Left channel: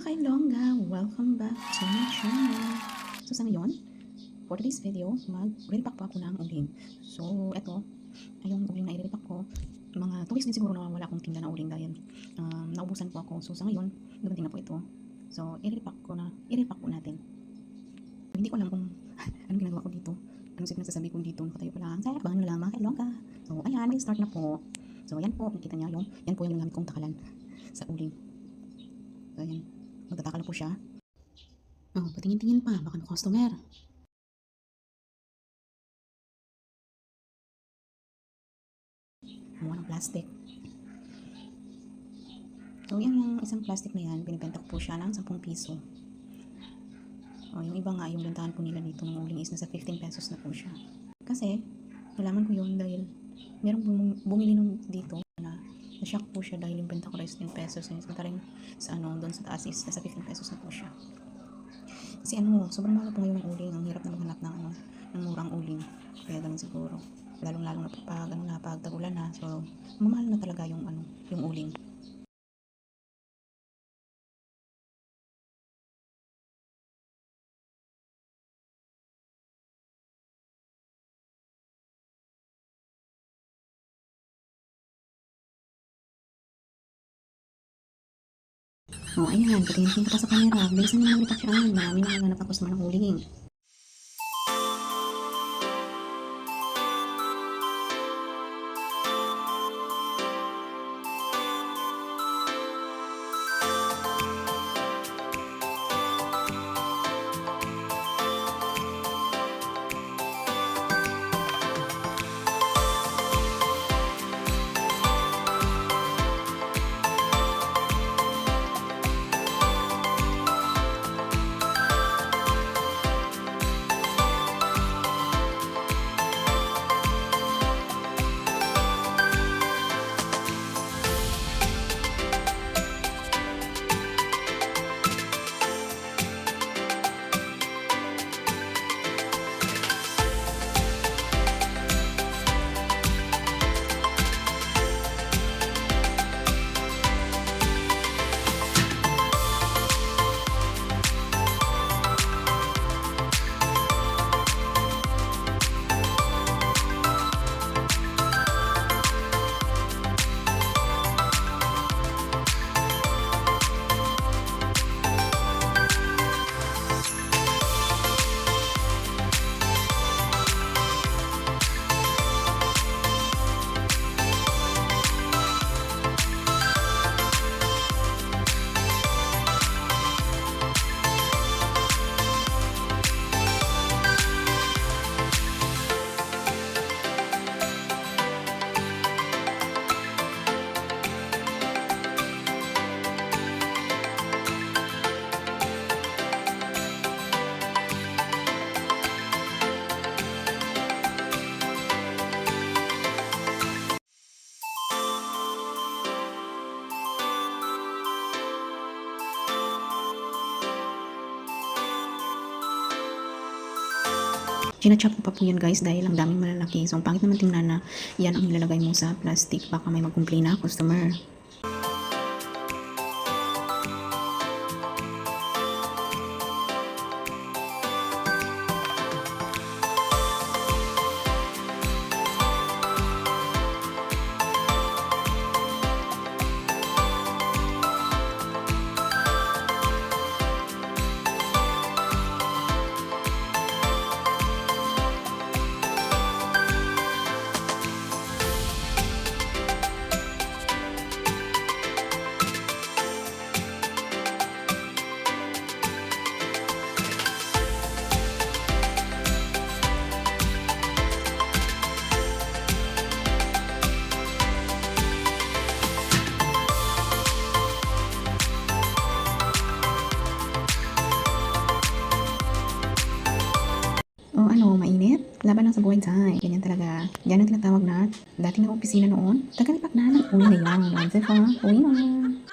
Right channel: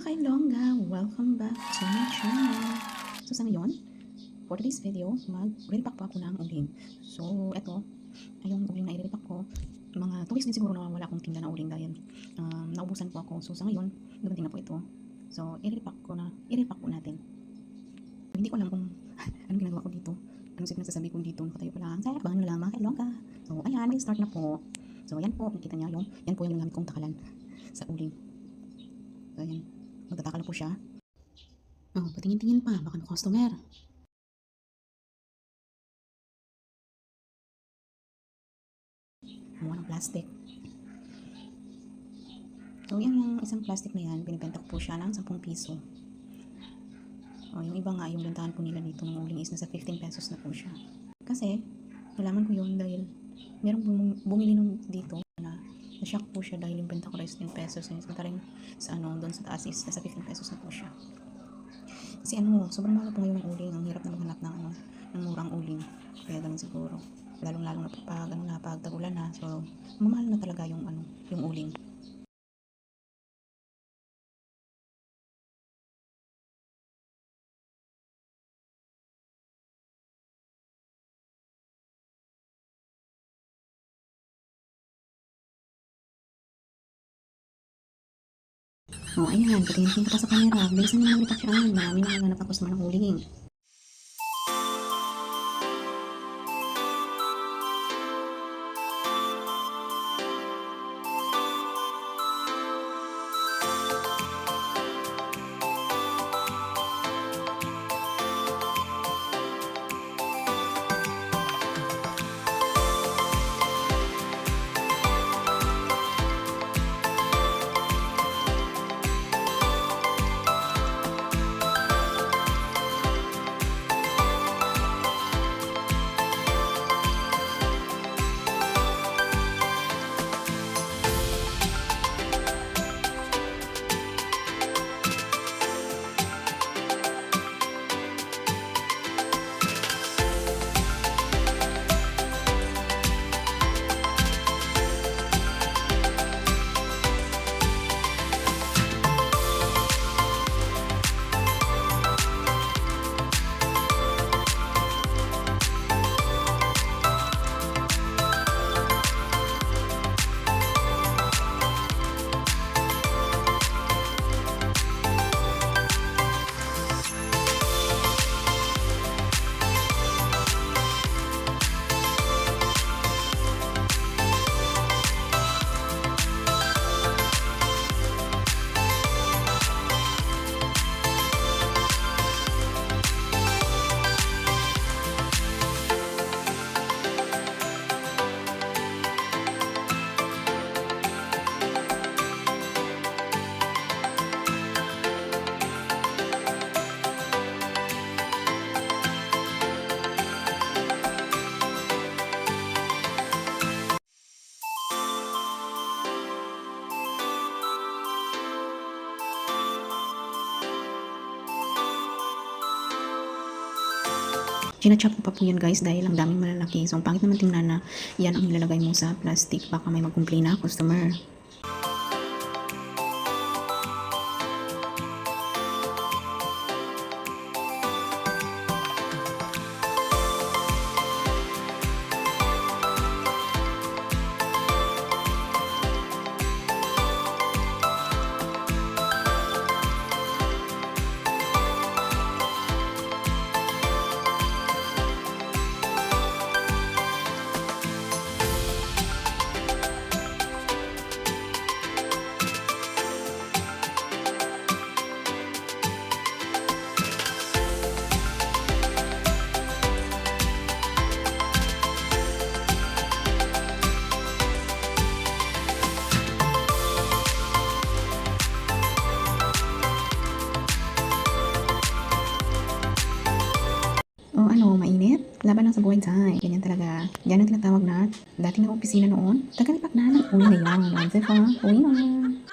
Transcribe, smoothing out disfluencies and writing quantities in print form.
mga kailongga, welcome back to my channel. So sa ngayon, for today's video, mag-repack po ako ng uling. So eto, ay yung uling na i-repack ko. Mga 2 weeks din siguro na wala akong tinda na uling dahil naubusan po ako. So sa ngayon, dumating na po ito. So i-repack po natin. Hindi ko alam kung anong ginagawa ko dito. Anong sinasabi ko dito, nakatayo pa lang. Kaya abangan nyo lang mga kailongga. So ayan, may start na po. So yan po, nakita niya yan po yung gamit kong takalan sa uling. So yan, magtatakal po siya. Oh, patingin-tingin pa, baka may customer. Kumuha ng plastic. So yan yung isang plastic na yan, binibenta ko po siya ng 10 piso. Oh, yung iba nga, yung bentahan po nila dito ng uling is nasa 15 pesos na po siya. Kasi, nalaman ko yun dahil merong bumili nung dito na na-shock po siya dahil yung benta ko is 10 pesos. Yung rin sa doon sa taas is nasa 15 pesos na po siya. Kasi sobrang mahal po ngayon ng uling. Ang hirap na maghanap ng murang uling. Kaya ganun siguro. Lalong-lalong na pag tagulan na. So, mamahal na talaga yung uling. Oh, ayan, patingin ka pa sa camera. Bilisan mo naman ipaksyaan. Marami na naghanap ng customer ng uling. Chinachop ko pa po yan guys dahil ang daming malalaki. So ang pangit naman tingnan na yan ang nilalagay mo sa plastic. Baka may mag-complain na customer. O mainit? Laban lang sa buhay tayo. Ganyan talaga. Yan ang tinatawag na dating na opisina noon. Tagalipak na ng uwi na yan. Diba? Uwi na.